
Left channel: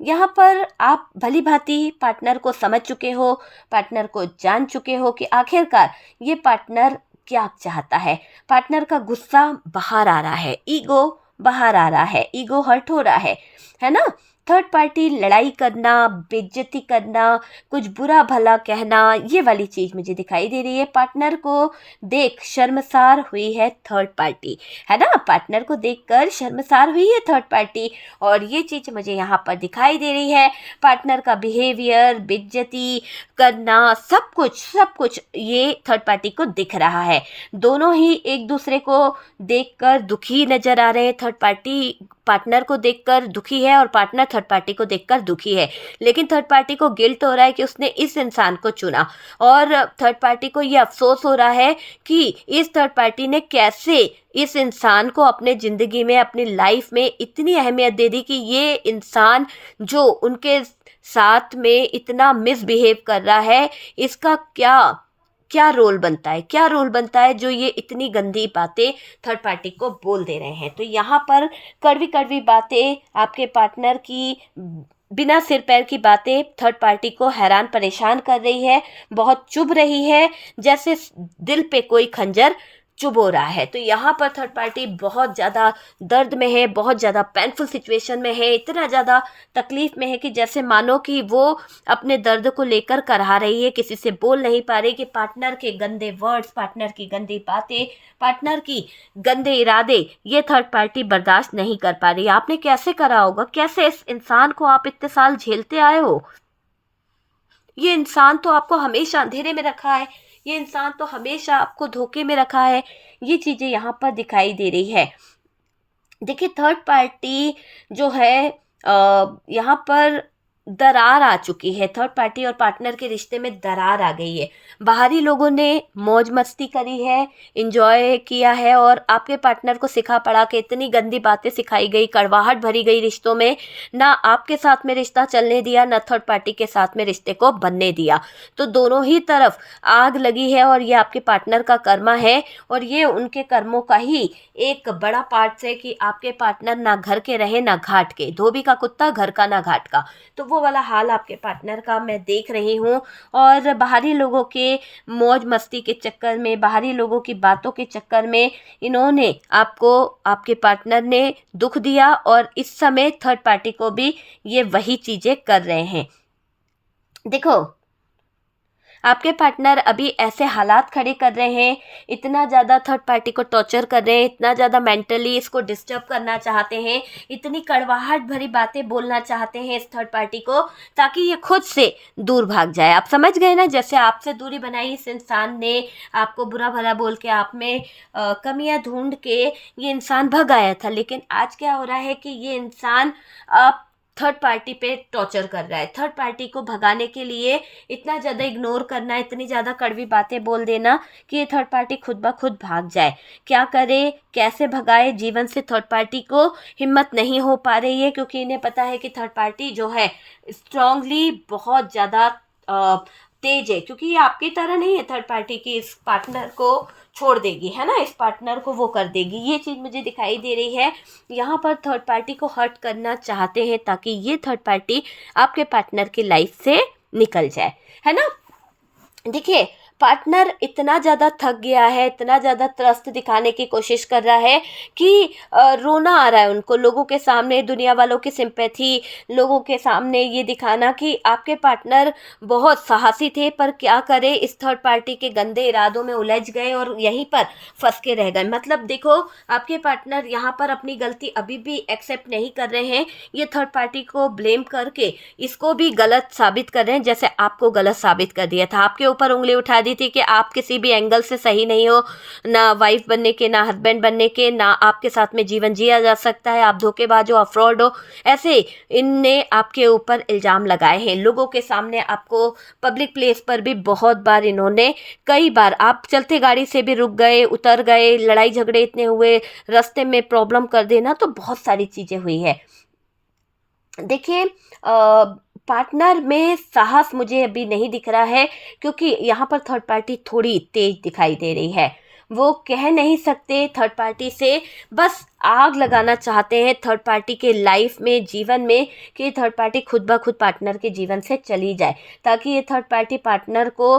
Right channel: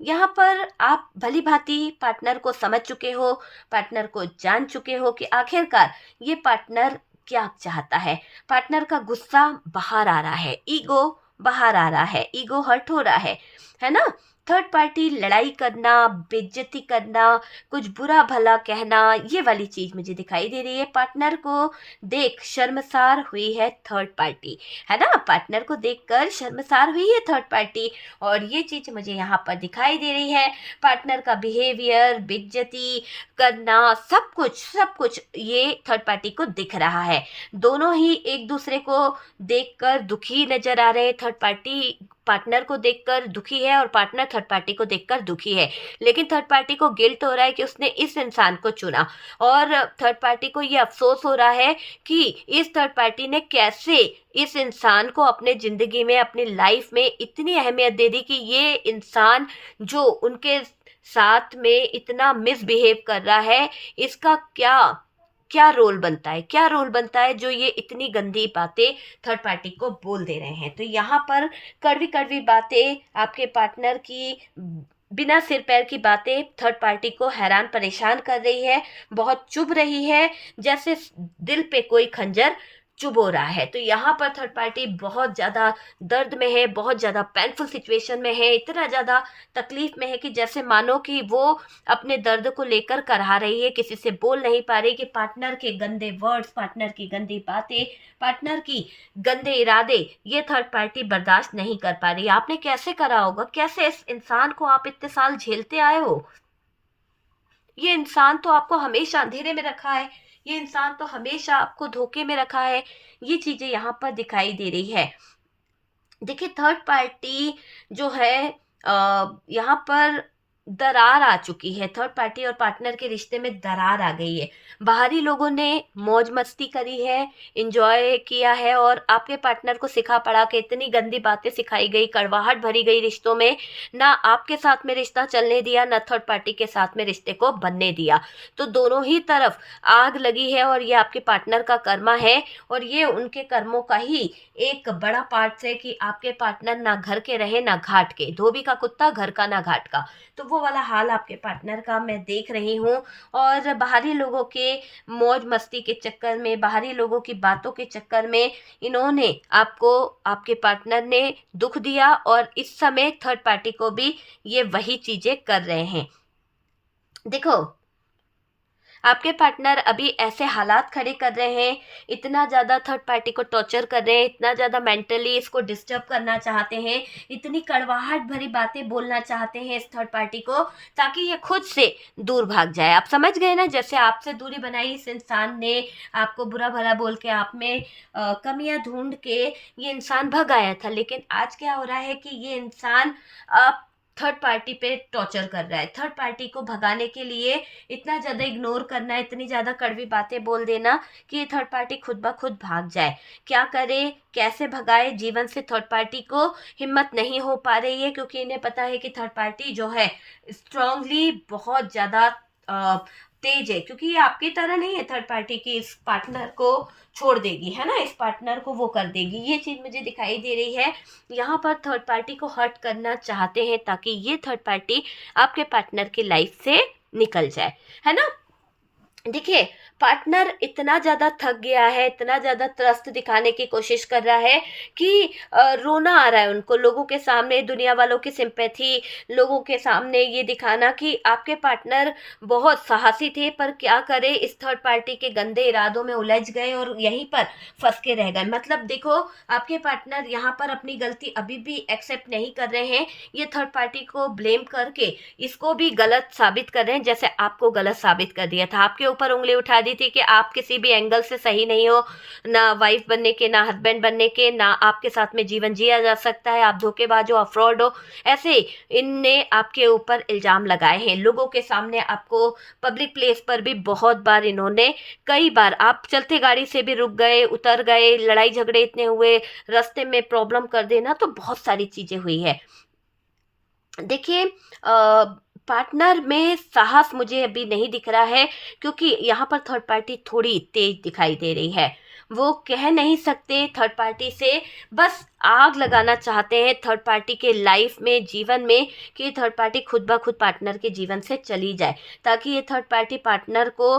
यहाँ पर आप भली भांति पार्टनर को समझ चुके हो, पार्टनर को जान चुके हो कि आखिरकार ये पार्टनर क्या चाहता है। पार्टनर का गुस्सा बाहर आ रहा है, ईगो बाहर आ रहा है, ईगो हर्ट हो रहा है ना। थर्ड पार्टी लड़ाई करना, बेइज्जती करना, कुछ बुरा भला कहना, ये वाली चीज मुझे दिखाई दे रही है। पार्टनर को देख शर्मसार हुई है थर्ड पार्टी, है ना। पार्टनर को देखकर शर्मसार हुई है थर्ड पार्टी, और ये चीज मुझे यहाँ पर दिखाई दे रही है। पार्टनर का बिहेवियर, बेइज्जती करना, सब कुछ ये थर्ड पार्टी को दिख रहा है। दोनों ही एक दूसरे को देखकर दुखी नजर आ रहे हैं। थर्ड पार्टी पार्टनर को देखकर दुखी है और पार्टनर थर्ड पार्टी को देखकर दुखी है, लेकिन थर्ड पार्टी को गिल्ट हो रहा है कि उसने इस इंसान को चुना, और थर्ड पार्टी को ये अफसोस हो रहा है कि इस थर्ड पार्टी ने कैसे इस इंसान को अपने ज़िंदगी में, अपनी लाइफ में इतनी अहमियत दे दी कि ये इंसान जो उनके साथ में इतना मिसबिहेव कर रहा है, इसका क्या क्या रोल बनता है, क्या रोल बनता है जो ये इतनी गंदी बातें थर्ड पार्टी को बोल दे रहे हैं। तो यहाँ पर कड़वी कड़वी बातें, आपके पार्टनर की बिना सिर पैर की बातें थर्ड पार्टी को हैरान परेशान कर रही है, बहुत चुभ रही है, जैसे दिल पे कोई खंजर चुभ हो रहा है। तो यहाँ पर थर्ड पार्टी बहुत ज़्यादा दर्द में है, बहुत ज़्यादा पेनफुल सिचुएशन में है, इतना ज़्यादा तकलीफ में है कि जैसे मानो कि वो अपने दर्द को लेकर करहा रही है, किसी से बोल नहीं पा रही, कि पार्टनर के गंदे वर्ड्स, पार्टनर की गंदी बातें, पार्टनर की गंदे इरादे ये थर्ड पार्टी बर्दाश्त नहीं कर पा रही। आपने कैसे करा होगा, कैसे इस इंसान को आप इतने साल झेलते आए हो। ये इंसान तो आपको हमेशा अंधेरे में रखा है, ये इंसान तो हमेशा आपको धोखे में रखा है। ये चीज़ें यहाँ पर दिखाई दे रही है। देखिए थर्ड पार्टी जो है यहाँ पर दरार आ चुकी है। थर्ड पार्टी और पार्टनर के रिश्ते में दरार आ गई है। बाहरी लोगों ने मौज मस्ती करी है, इंजॉय किया है, और आपके पार्टनर को सिखा पढ़ा के इतनी गंदी बातें सिखाई गई, कड़वाहट भरी गई रिश्तों में, ना आपके साथ में रिश्ता चलने दिया, ना थर्ड पार्टी के साथ में रिश्ते को बनने दिया। तो दोनों ही तरफ आग लगी है, और ये आपके पार्टनर का कर्मा है, और ये उनके कर्मों का ही एक बड़ा पार्ट है कि आपके पार्टनर ना घर के रहे ना घाट के, धोबी का कुत्ता घर का ना घाट का। तो वो वाला हाल आपके पार्टनर का मैं देख रही हूँ, और बाहरी लोगों के मौज मस्ती के चक्कर में, बाहरी लोगों की बातों के चक्कर में इन्होंने आपको, आपके पार्टनर ने दुख दिया, और इस समय थर्ड पार्टी को भी ये वही चीज़ें कर रहे हैं। देखो आपके पार्टनर अभी ऐसे हालात खड़े कर रहे हैं, इतना ज़्यादा थर्ड पार्टी को टॉर्चर कर रहे हैं, इतना ज़्यादा मेंटली इसको डिस्टर्ब करना चाहते हैं, इतनी कड़वाहट भरी बातें बोलना चाहते हैं इस थर्ड पार्टी को, ताकि ये खुद से दूर भाग जाए। आप समझ गए ना, जैसे आपसे दूरी बनाई इस इंसान ने, आपको बुरा भला बोल के, आप में कमियां ढूंढ के ये इंसान भग आया था। लेकिन आज क्या हो रहा है कि ये इंसान आप थर्ड पार्टी पे टॉर्चर कर रहा है। थर्ड पार्टी को भगाने के लिए इतना ज़्यादा इग्नोर करना, इतनी ज़्यादा कड़वी बातें बोल देना कि ये थर्ड पार्टी खुद ब खुद भाग जाए। क्या करे, कैसे भगाए, जीवन से थर्ड पार्टी को हिम्मत नहीं हो पा रही है, क्योंकि इन्हें पता है कि थर्ड पार्टी जो है स्ट्रांगली बहुत ज़्यादा तेज है, क्योंकि ये आपकी तरह नहीं है थर्ड पार्टी की इस पार्टनर को छोड़ देगी, है ना, इस पार्टनर को वो कर देगी, ये चीज़ मुझे दिखाई दे रही है। यहाँ पर थर्ड पार्टी को हर्ट करना चाहते हैं ताकि ये थर्ड पार्टी आपके पार्टनर की लाइफ से निकल जाए, है ना। देखिए, पार्टनर इतना ज़्यादा थक गया है, इतना ज़्यादा त्रस्त दिखाने की कोशिश कर रहा है कि रोना आ रहा है उनको लोगों के सामने, दुनिया वालों की सिंपैथी, लोगों के सामने ये दिखाना कि आपके पार्टनर बहुत साहसी थे, पर क्या करे, इस थर्ड पार्टी के गंदे इरादों में उलझ गए और यहीं पर फंस के रह गए। मतलब देखो, आपके पार्टनर यहाँ पर अपनी गलती अभी भी एक्सेप्ट नहीं कर रहे हैं, ये थर्ड पार्टी को ब्लेम करके इसको भी गलत साबित कर रहे हैं, जैसे आपको गलत साबित कर दिया था, आपके ऊपर उंगली उठा दी थी कि आप किसी भी एंगल से सही नहीं हो, ना वाइफ बनने के, ना हस्बैंड बनने के, ना आपके साथ में जीवन जिया जा सकता है, आप धोखेबाज हो, आप फ्रॉड हो। ऐसे इनने आपके ऊपर इल्ज़ाम लगाए हैं लोगों के सामने, आपको पब्लिक प्लेस पर भी बहुत बार इन्होंने, कई बार आप चलते गाड़ी से भी रुक गए, उतर गए, लड़ाई झगड़े इतने हुए, रास्ते में प्रॉब्लम कर देना, तो बहुत सारी चीज़ें हुई है। देखिए, पार्टनर में साहस मुझे अभी नहीं दिख रहा है, क्योंकि यहाँ पर थर्ड पार्टी थोड़ी तेज दिखाई दे रही है। वो कह नहीं सकते थर्ड पार्टी से, बस आग लगाना चाहते हैं थर्ड पार्टी के लाइफ में, जीवन में, कि थर्ड पार्टी खुद ब खुद पार्टनर के जीवन से चली जाए, ताकि ये थर्ड पार्टी पार्टनर को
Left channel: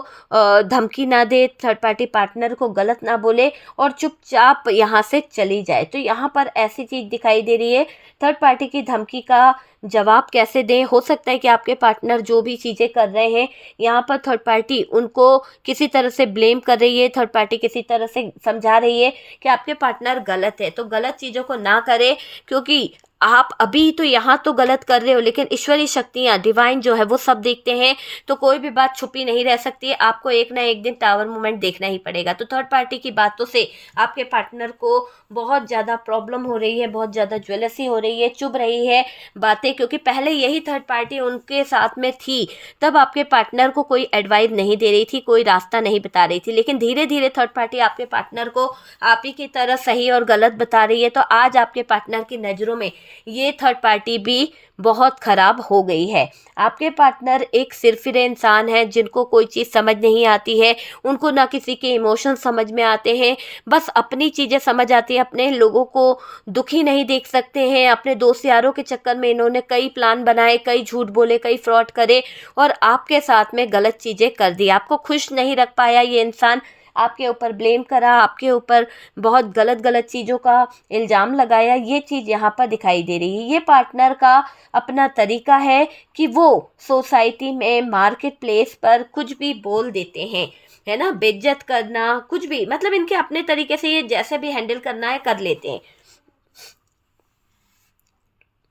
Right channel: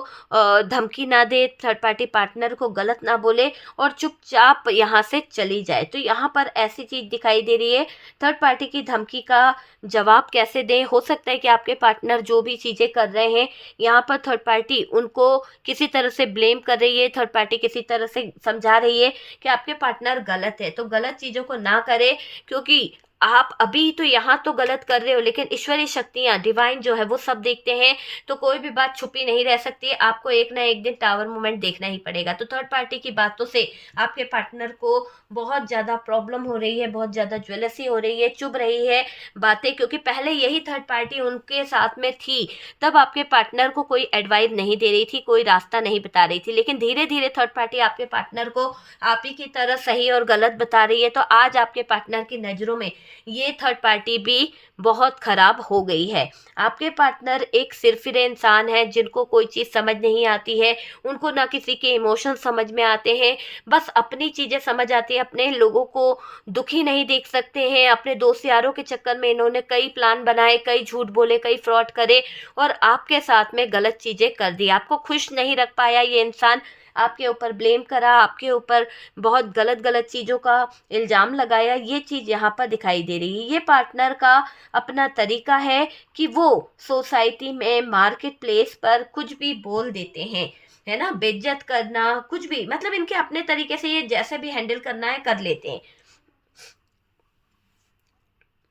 धमकी ना दे, थर्ड पार्टी पार्टनर को गलत ना बोले और चुपचाप यहाँ से चली जाए। तो यहाँ पर ऐसी चीज़ दिखाई दे रही है, थर्ड पार्टी की धमकी का जवाब कैसे दें। हो सकता है कि आपके पार्टनर जो भी चीज़ें कर रहे हैं, यहाँ पर थर्ड पार्टी उनको किसी तरह से ब्लेम कर रही है, थर्ड पार्टी किसी तरह से समझा रही है कि आपके पार्टनर गलत है, तो गलत चीज़ों को ना करें, क्योंकि आप अभी तो यहाँ तो गलत कर रहे हो, लेकिन ईश्वरीय शक्तियाँ, डिवाइन जो है वो सब देखते हैं, तो कोई भी बात छुपी नहीं रह सकती है, आपको एक ना एक दिन टावर मूवमेंट देखना ही पड़ेगा। तो थर्ड पार्टी की बातों से आपके पार्टनर को बहुत ज़्यादा प्रॉब्लम हो रही है, बहुत ज़्यादा ज्वेलसी हो रही है, चुभ रही है बातें, क्योंकि पहले यही थर्ड पार्टी उनके साथ में थी, तब आपके पार्टनर को कोई एडवाइस नहीं दे रही थी, कोई रास्ता नहीं बता रही थी, लेकिन धीरे धीरे थर्ड पार्टी आपके पार्टनर को आप ही की तरह सही और गलत बता रही है। तो आज आपके पार्टनर की नज़रों में ये थर्ड पार्टी भी बहुत ख़राब हो गई है। आपके पार्टनर एक सिरफिरे इंसान है, जिनको कोई चीज़ समझ नहीं आती है, उनको ना किसी के इमोशन समझ में आते हैं, बस अपनी चीज़ें समझ आती है, अपने लोगों को दुखी नहीं देख सकते हैं। अपने दोस्त यारों के चक्कर में इन्होंने कई प्लान बनाए, कई झूठ बोले, कई फ्रॉड करे और आपके साथ में गलत चीज़ें कर दी। आपको खुश नहीं रख पाया ये इंसान, आपके ऊपर ब्लेम करा, आपके ऊपर बहुत गलत गलत चीज़ों का इल्ज़ाम लगाया, ये चीज़ यहाँ पर दिखाई दे रही है। ये पार्टनर का अपना तरीका है कि वो सोसाइटी में, मार्केट प्लेस पर कुछ भी बोल देते हैं, है ना, बेइज्जत करना, कुछ भी, मतलब इनके अपने तरीके से ये जैसे भी हैंडल करना है कर लेते हैं।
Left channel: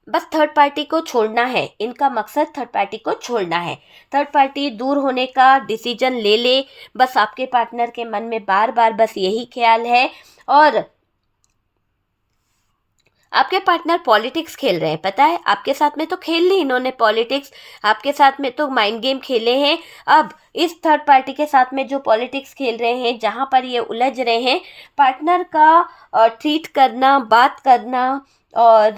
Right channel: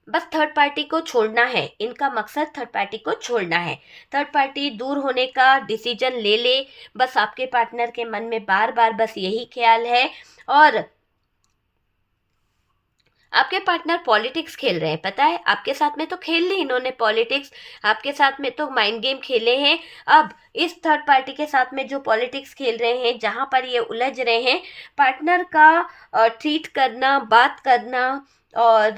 बस थर्ड पार्टी को छोड़ना है, इनका मकसद थर्ड पार्टी को छोड़ना है। थर्ड पार्टी दूर होने का डिसीजन ले ले, बस आपके पार्टनर के मन में बार बार बस यही ख्याल है। और आपके पार्टनर पॉलिटिक्स खेल रहे हैं, पता है, आपके साथ में तो खेल ली इन्होंने पॉलिटिक्स, आपके साथ में तो माइंड गेम खेले हैं। अब इस थर्ड पार्टी के साथ में जो पॉलिटिक्स खेल रहे हैं, जहाँ पर ये उलझ रहे हैं, पार्टनर का ट्रीट करना, बात करना और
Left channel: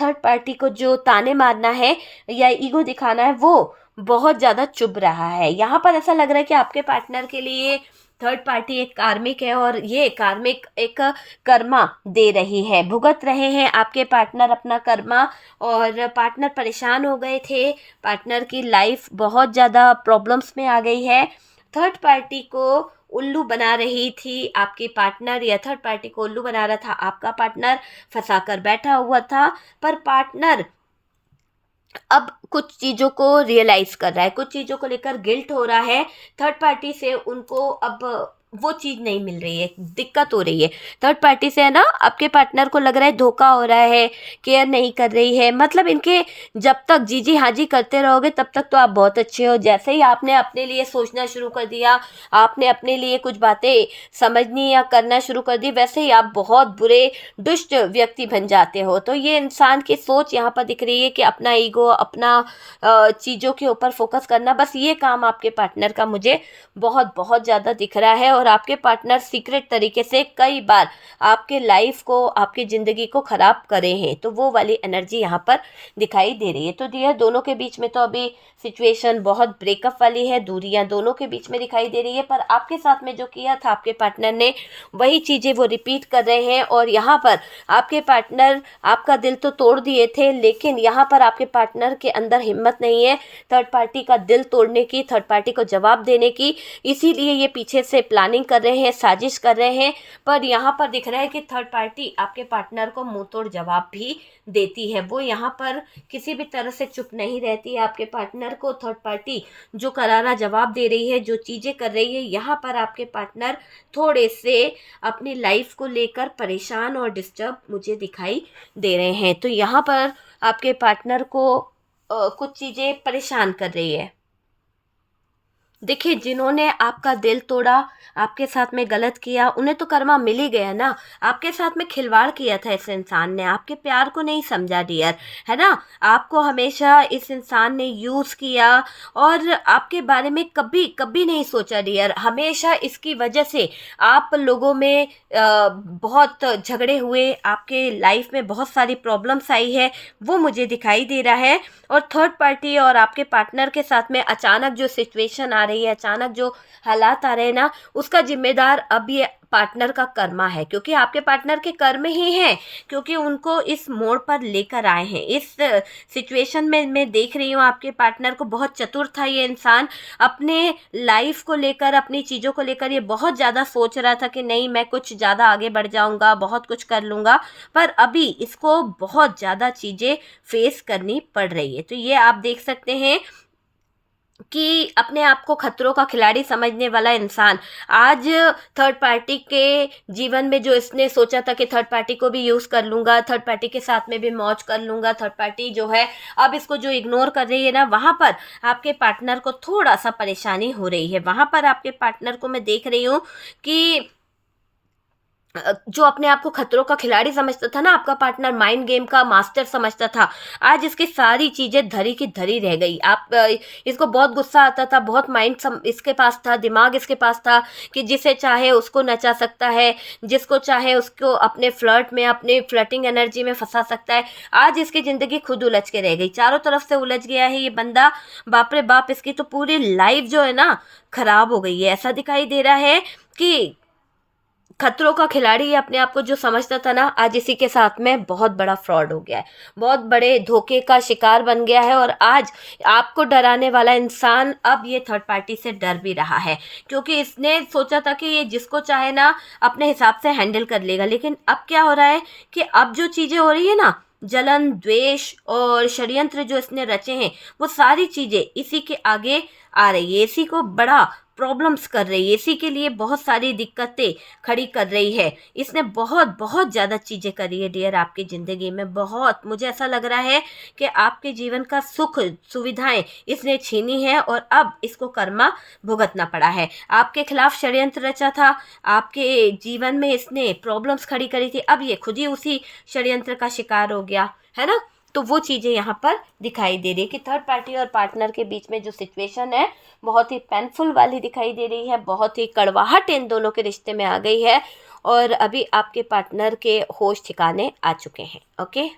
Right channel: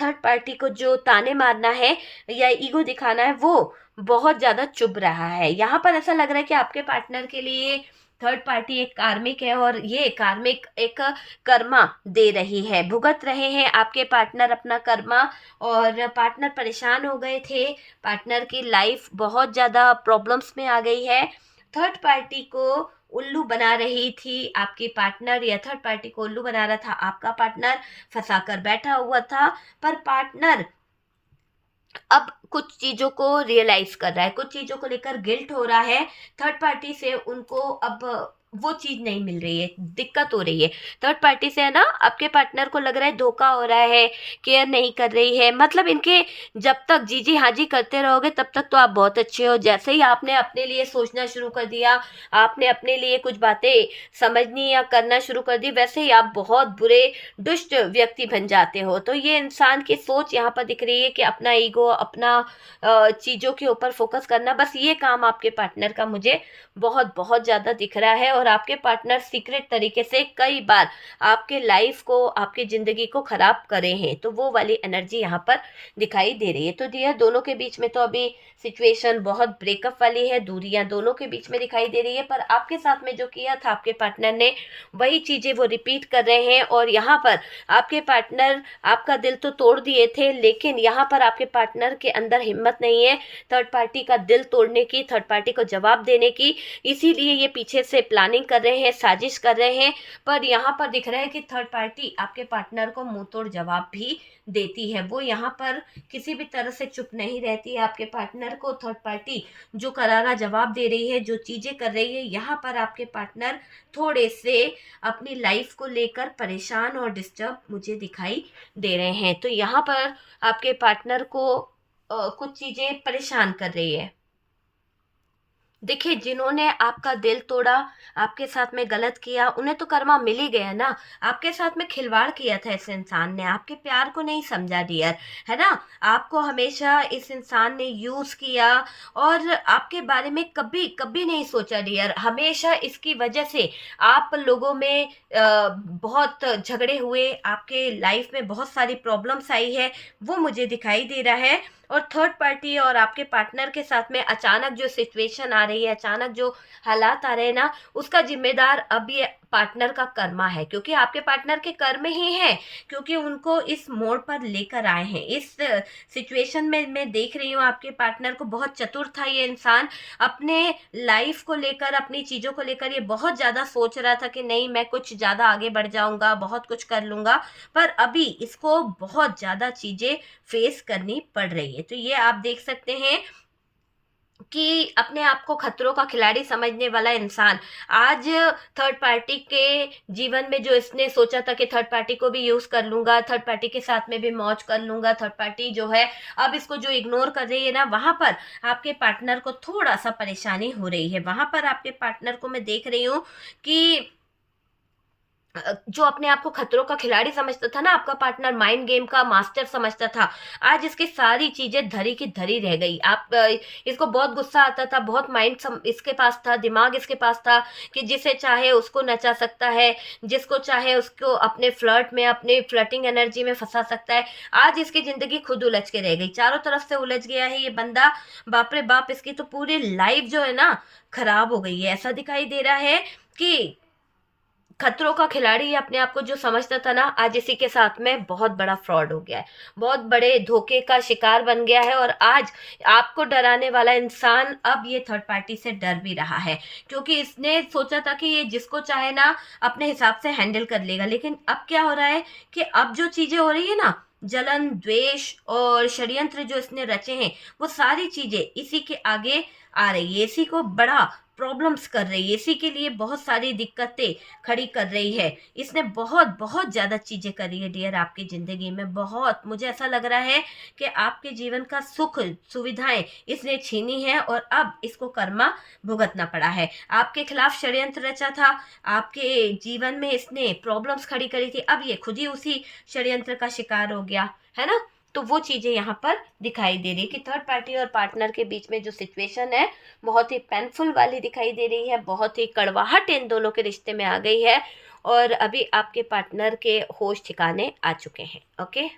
थर्ड पार्टी को जो ताने मारना है या ईगो दिखाना है, वो बहुत ज़्यादा चुभ रहा है। यहाँ पर ऐसा लग रहा है कि आपके पार्टनर के लिए थर्ड पार्टी एक कार्मिक है और ये कार्मिक एक कर्मा दे रही है, भुगत रहे हैं आपके पार्टनर अपना कर्मा। और पार्टनर परेशान हो गए थे, पार्टनर की लाइफ बहुत ज़्यादा प्रॉब्लम्स में आ गई है। थर्ड पार्टी को उल्लू बना रही थी आपकी पार्टनर, या थर्ड पार्टी को उल्लू बना रहा था आपका पार्टनर, फंसा कर बैठा हुआ था। पर पार्टनर अब कुछ चीज़ों को रियलाइज़ कर रहा है, कुछ चीज़ों को लेकर गिल्ट हो रहा है, थर्ड पार्टी से उनको अब वो चीज़ नहीं मिल रही है, दिक्कत हो रही है थर्ड पार्टी से, है ना। आपके पार्टनर को लग रहा है धोखा हो रहा है, केयर नहीं कर रही है, मतलब इनके जब तक जी जी हाँ जी करते रहोगे तब तक तो आप बहुत अच्छे हो, जैसे ही आपने अपने लिए सोचना शुरू कर दिया, आपने अपने लिए कुछ बातें समझनी या करना शुरू कर दी, वैसे ही आप बहुत बुरे दुष्ट व्यक्ति बन जाते हो। तो ये इंसान की सोच यहाँ पर दिख रही है कि अपना ईगो, अपना चीज़ों के ऊपर फोकस करना, बस ये काम आपके पार्टनर का मुझे बहुत बहुत ज़्यादा दिख रहा है। और आपके पार्टनर सीक्रेट तरीके से कई बार आपके लाइफ को, आपकी ज़िंदगी को ख़राब करे हैं। तो वो वाली एनर्जी यहाँ पर दिखाई दे रही है। तो डियर, दोनों के बीच में तो अभी सिचुएशन बहुत ब्रेकअप वाली है, दूरियां दोनों के बीच में दिखाई दे रही है, पर आपके साथ में जो किया था आपके पार्टनर ने, वही चीज़ें वो रिपीट कर रहे हैं। और यहाँ पर आपके पार्टनर आपका दिल तो तोड़ दिए थे, लेकिन यहाँ पर आपके पार्टनर के अंदर हिम्मत नहीं है थर्ड पार्टी का दिल तोड़ने की, थर्ड पार्टी को जवाब देने की। इसीलिए ये पीछे से प्लानिंग कर रहे हैं, साजिश कर रहे हैं। पर यहाँ पर दिख रहा है कि थर्ड पार्टी आपके पार्टनर को मुंह तोड़ जवाब भी देती है। वो यहाँ पर किसी भी तरह से चुप नहीं रहती है। आपके पार्टनर को थर्ड पार्टी जो करारा जवाब दे रही है, जो चीज़ें कर रही है, यहाँ पर आपके पार्टनर थोड़े से अपनी लाइफ को लेकर परेशान और डिस्टर्ब मुझे दिखाई दे रहे हैं। तो यहाँ पर आपके पार्टनर को कुछ चीज़ें परेशान कर रही है। देखिए, जिन्होंने आपका दिल तोड़ा, आपके साथ में गलत किया, उन्हें तो कर्मा मिल ही गया ना। आपके साथ में खिलवाड़ किया था इस इंसान ने, आपके प्यार को नहीं समझा डियर, है ना। आपको हमेशा इस इंसान ने यूज़ किया और आपके बारे में कभी कभी नहीं सोचा डियर। हमेशा इसकी वजह से आप लोगों में बहुत झगड़े हुए, आपके लाइफ में बहुत सारी प्रॉब्लम्स आई है, वो मुझे दिखाई दे रहा है। और थर्ड पार्टी और आपके पार्टनर के साथ में अचानक जो सिचुएशन आ रही है, अचानक जो हालात आ रहे हैं ना, उसका जिम्मेदार अब ये पार्टनर का कर्मा है, क्योंकि आपके पार्टनर के कर्म ही हैं, क्योंकि उनको इस मोड़ पर लेकर आए हैं। इस सिचुएशन में मैं देख रही हूँ आपके पार्टनर को, बहुत चतुर था ये इंसान। अपने लाइफ को लेकर, अपनी चीज़ों को लेकर ये बहुत ज़्यादा सोच रहा था कि नहीं, मैं कुछ ज़्यादा आगे बढ़ जाऊँगा, बहुत कुछ कर लूँगा, पर अभी इसको बहुत ज़्यादा चीज़ें फेस करनी पड़ रही है। तो ये आप देख सकते हैं कि अपने आप को खतरों का खिलाड़ी समझने वाला इंसान आज थर्ड पार्टी के जीवन में, जो इसने सोचा था कि थर्ड पार्टी को भी यूज़ कर लूँगा, थर्ड पार्टी के साथ में भी मौज कर लूँगा, थर्ड पार्टी जो है अब इसको जो इग्नोर कर रही है ना, वहाँ पर आपके पार्टनर को थोड़ा सा परेशानी हो रही है। वहाँ पर आपके पार्टनर को मैं देख रही हूँ कि जो अपने आप को खतरों का खिलाड़ी समझता था ना आपका पार्टनर, माइंड गेम का मास्टर समझता था, आज इसकी सारी चीज़ें धरी की धरी रह गई। इसको बहुत गुस्सा आता था, बहुत इसके पास था, दिमाग इसके पास था कि जिसे चाहे उसको नचा सकता है, जिसको चाहे उसको अपने फ्लर्ट में, अपने फ्लर्टिंग एनर्जी में फंसा सकता है। आज इसकी ज़िंदगी खुद उलझ के रह गई, चारों तरफ से उलझ गया है ये बंदा। बाप रे बाप, इसकी तो पूरी लाइफ जो है ना खराब हो गई है। ऐसा दिखाई दे रहा है कि खतरों का खिलाड़ी ये अपने आप को जो समझता था ना, आज इसी के साथ में बहुत बड़ा फ्रॉड हो गया है, बहुत बड़े धोखे का शिकार बन गया है। और आज आपको डराने वाला इंसान अब ये थर्ड पार्टी से डर भी रहा है, क्योंकि इसने सोचा था कि ये जिसको चाहे ना अपने हिसाब से हैंडल कर लेगा। लेकिन अब क्या हो रहा है कि अब जो चीज़ें हो रही है ना, जलन, द्वेष और षड्यंत्र जो इसने रचे हैं, वो सारी चीज़ें इसी के आगे आ रही है, इसी को बड़ा प्रॉब्लम्स कर रही है, इसी के लिए बहुत सारी दिक्कतें खड़ी कर रही है। इसने बहुत बहुत ज़्यादा चीज़ें करी है डियर आपकी ज़िंदगी में। बहुत, मुझे ऐसा लग रहा है कि आपके जीवन का सुख सुविधाएं इसने छीनी है और अब इसको कर्मा भुगतना पड़ा है। आपके खिलाफ षड्यंत्र रचा था, आपके जीवन में इसने प्रॉब्लम्स खड़ी करी थी, अब ये खुद ही उसी षड्यंत्र का शिकार हो गया है ना। तो वो चीज़ें यहाँ पर दिखाई दे रही है कि थर्ड पार्टी और पार्टनर के बीच में जो सिचुएशन है बहुत ही पेनफुल वाली दिखाई दे रही है, बहुत ही कड़वाहट इन दोनों के रिश्ते में आ गई है और अभी आपके पार्टनर के होश ठिकाने आ चुके हैं। ओके।